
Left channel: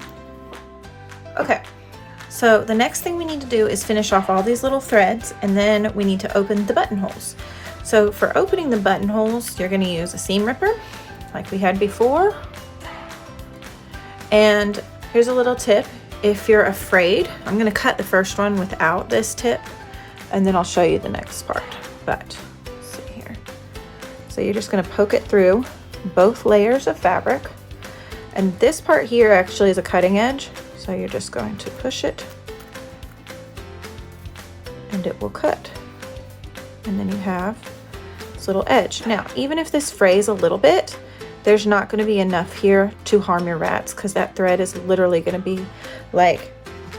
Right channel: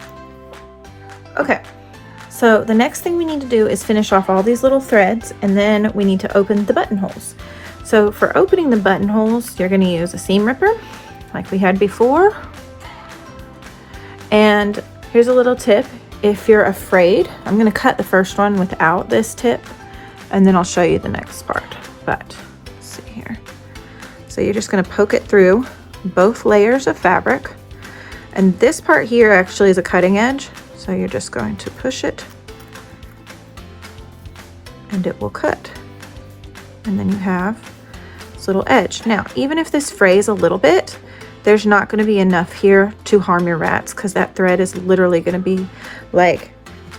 Okay, So the next thing we need to do is finish off all these little threads, and then we need to open the buttonholes. So for opening the buttonholes, you're going to use a seam ripper like we had before. And here's a little tip. If you're afraid, I'm going to cut the first one without this tip, and then I'll show you the next part. But let's see here. So you're just going to poke it through both layers of fabric. And this part here actually is a cutting edge. So you're just going to push it and it will cut. And then you have this little edge. Now, even if this frays a little bit, there's not going to be enough here to harm your rats, because that thread is literally going to be like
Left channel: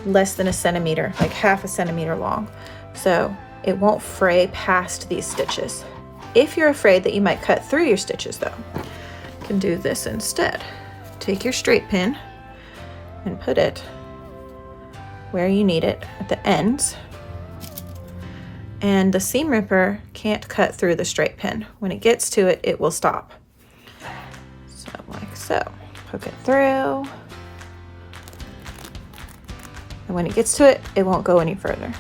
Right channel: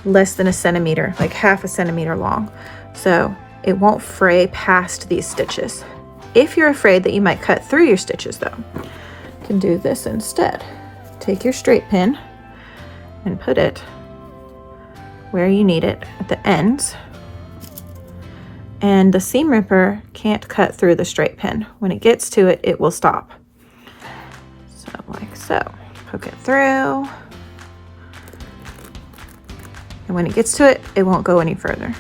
less than a centimeter, like half a centimeter long. So it won't fray past these stitches. If you're afraid that you might cut through your stitches though, you can do this instead. Take your straight pin and put it where you need it at the ends. And the seam ripper can't cut through the straight pin. When it gets to it, it will stop. So like so, poke it through. And when it gets to it, it won't go any further.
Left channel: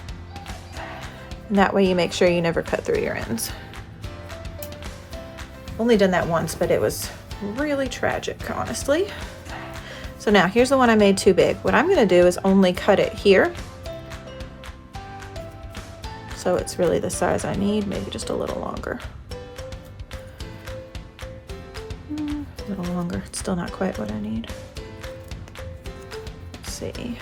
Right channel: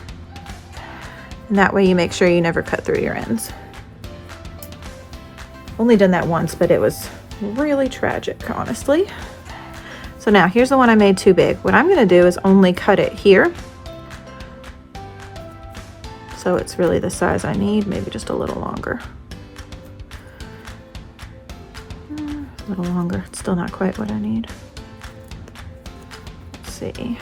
And that way you make sure you never cut through your ends. Only done that once, but it was really tragic, honestly. So now here's the one I made too big. What I'm gonna do is only cut it here. So it's really the size I need, maybe just a little longer. A little longer, it's still not quite what I need. Let's see.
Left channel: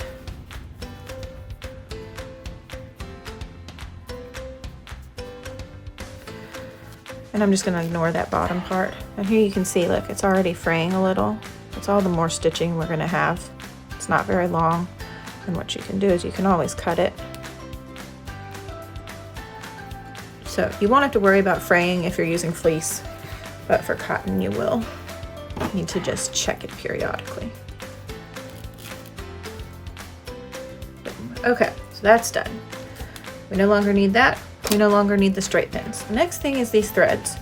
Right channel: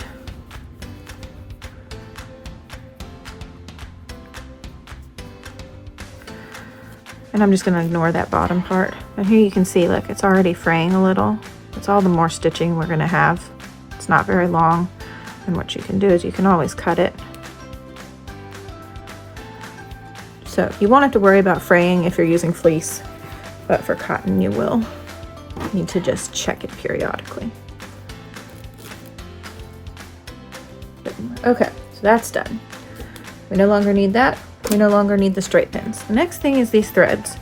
And I'm just gonna ignore that bottom part. But here you can see, look, it's already fraying a little. It's all the more stitching we're gonna have. It's not very long. And what you can do is you can always cut it. So you won't have to worry about fraying if you're using fleece, but for cotton you will need to just check it periodically. Okay, so that's done. We no longer need that. We no longer need the straight pins. The next thing is these threads.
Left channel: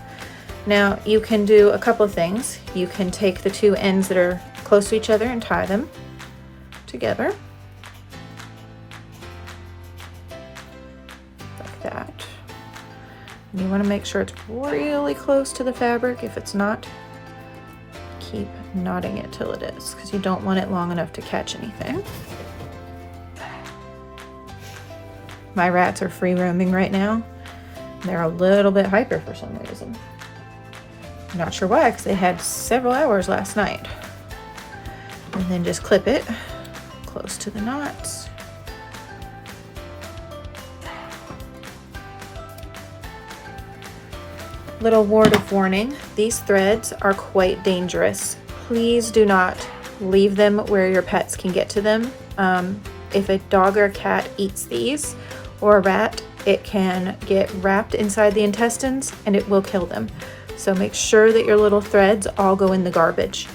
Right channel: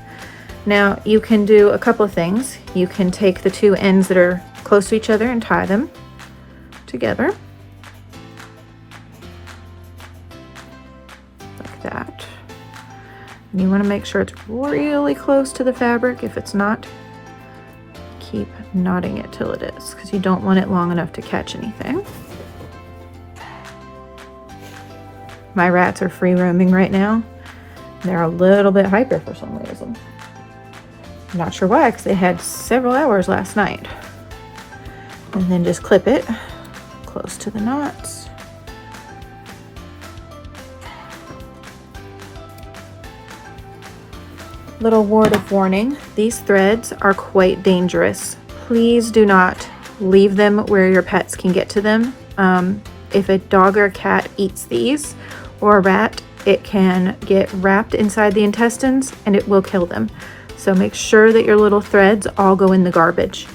Now you can do a couple of things. You can take the two ends that are close to each other and tie them together. Like that. And you want to make sure it's really close to the fabric. If it's not, keep knotting it till it is, because you don't want it long enough to catch anything. My rats are free roaming right now. They're a little bit hyper for some reason. I'm not sure why, because they had several hours last night. And then just clip it close to the knots. Little word of warning, these threads are quite dangerous. Please do not leave them where your pets can get to them. If a dog or a cat eats these, or a rat, it can get wrapped inside the intestines and it will kill them. So make sure that your little threads all go in the garbage.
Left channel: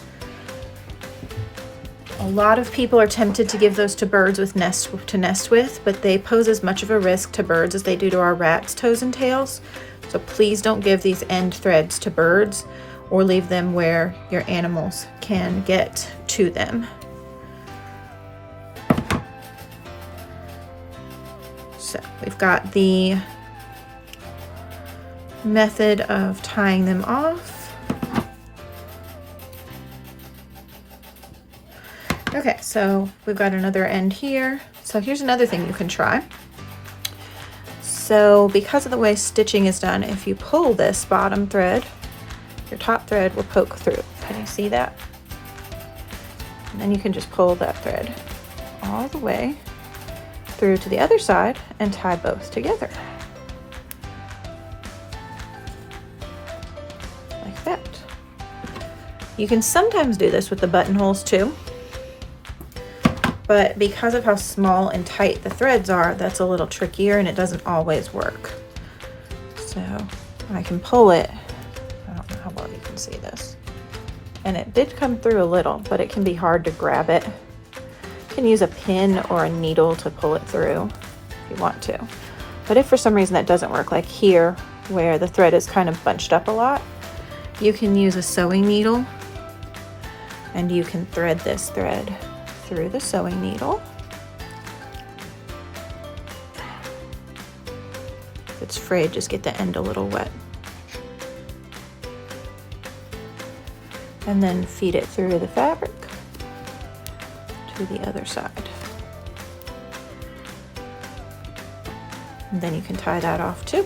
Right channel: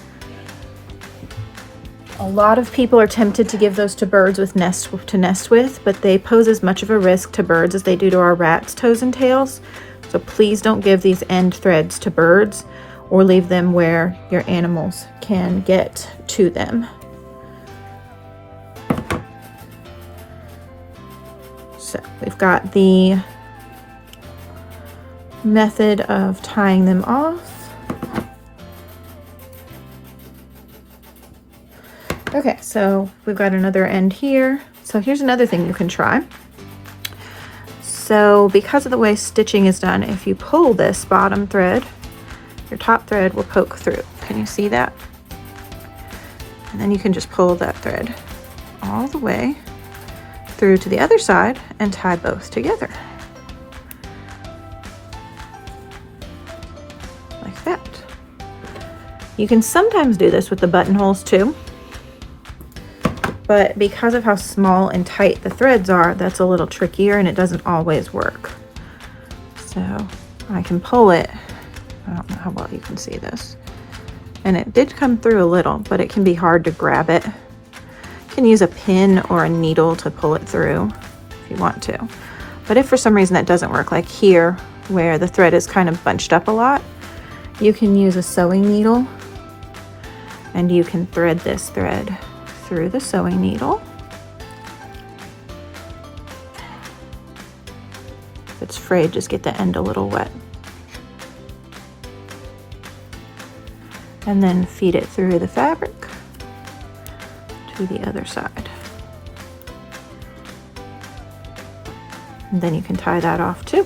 A lot of people are tempted to give those to birds to nest with, but they pose as much of a risk to birds as they do to our rats' toes and tails. So please don't give these end threads to birds or leave them where your animals can get to them. So we've got the method of tying them off. Okay, so we've got another end here. So here's another thing you can try. So because of the way stitching is done, if you pull this bottom thread, your top thread will poke through. Can you see that? And then you can just pull that thread all the way through to the other side and tie both together. Like that. You can sometimes do this with the buttonholes too, but because of how small and tight the threads are, that's a little trickier and it doesn't always work. So I can pull it. I don't know how well you can see this. And it did come through a little, but it can be hard to grab it. You can use a pin or a needle to pull it through if you want to. But if for some reason that doesn't work, like here where the thread is kind of bunched up a lot, you can use a sewing needle and you can thread this thread through the sewing needle it's frayed, just get the end a little wet. And then feed it through the fabric to the other side. And then you can tie that off too.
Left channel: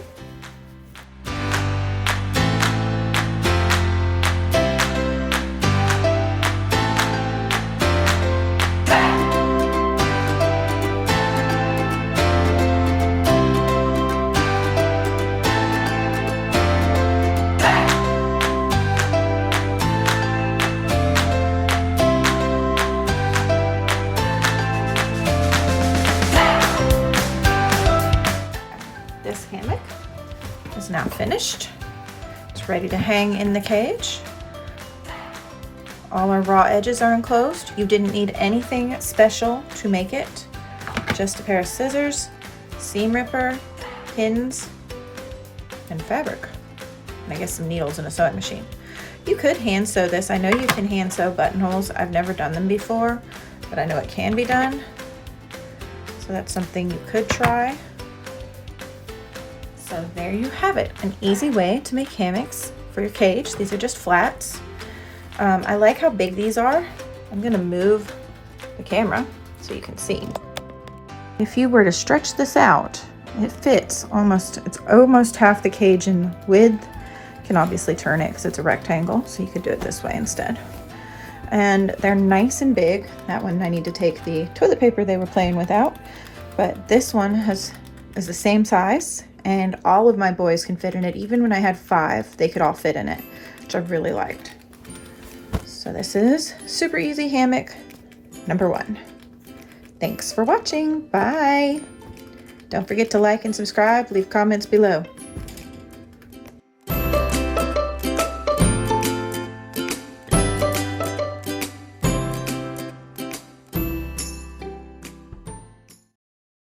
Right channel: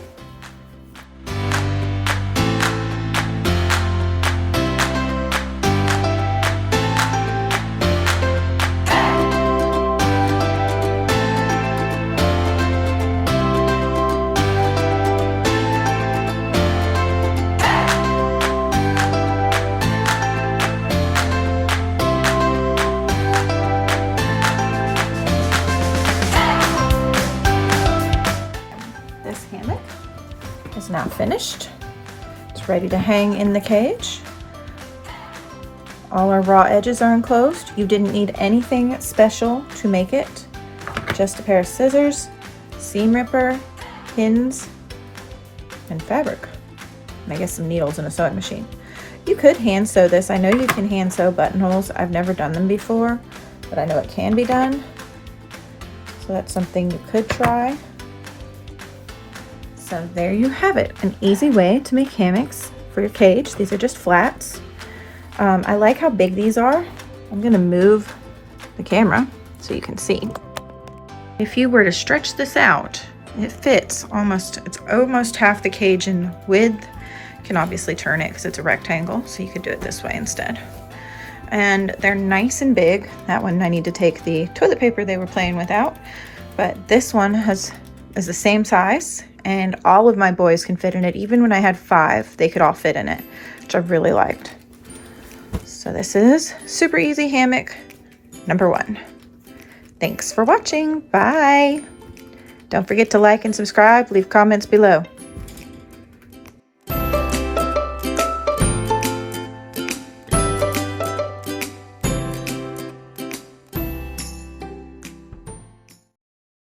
Hammock is now finished. It's ready to hang in the cage. All our raw edges are enclosed. You didn't need anything special to make it. Just a pair of scissors, seam ripper, pins, and fabric. And I guess some needles and a sewing machine. You could hand sew this. I know you can hand sew buttonholes. I've never done them before, but I know it can be done. So that's something you could try. So there you have it, an easy way to make hammocks for your cage. These are just flats. I like how big these are. I'm gonna move the camera so you can see. If you were to stretch this out, it fits almost, it's almost half the cage in width. You can obviously turn it because it's a rectangle, so you could do it this way instead. And they're nice and big. That one I need to take the toilet paper they were playing with out, but this one is the same size. And all of my boys can fit in it. Even when I had 5, they could all fit in it, which I really liked. So this is super easy hammock number 1. Thanks for watching. Bye. Don't forget to like and subscribe. Leave comments below.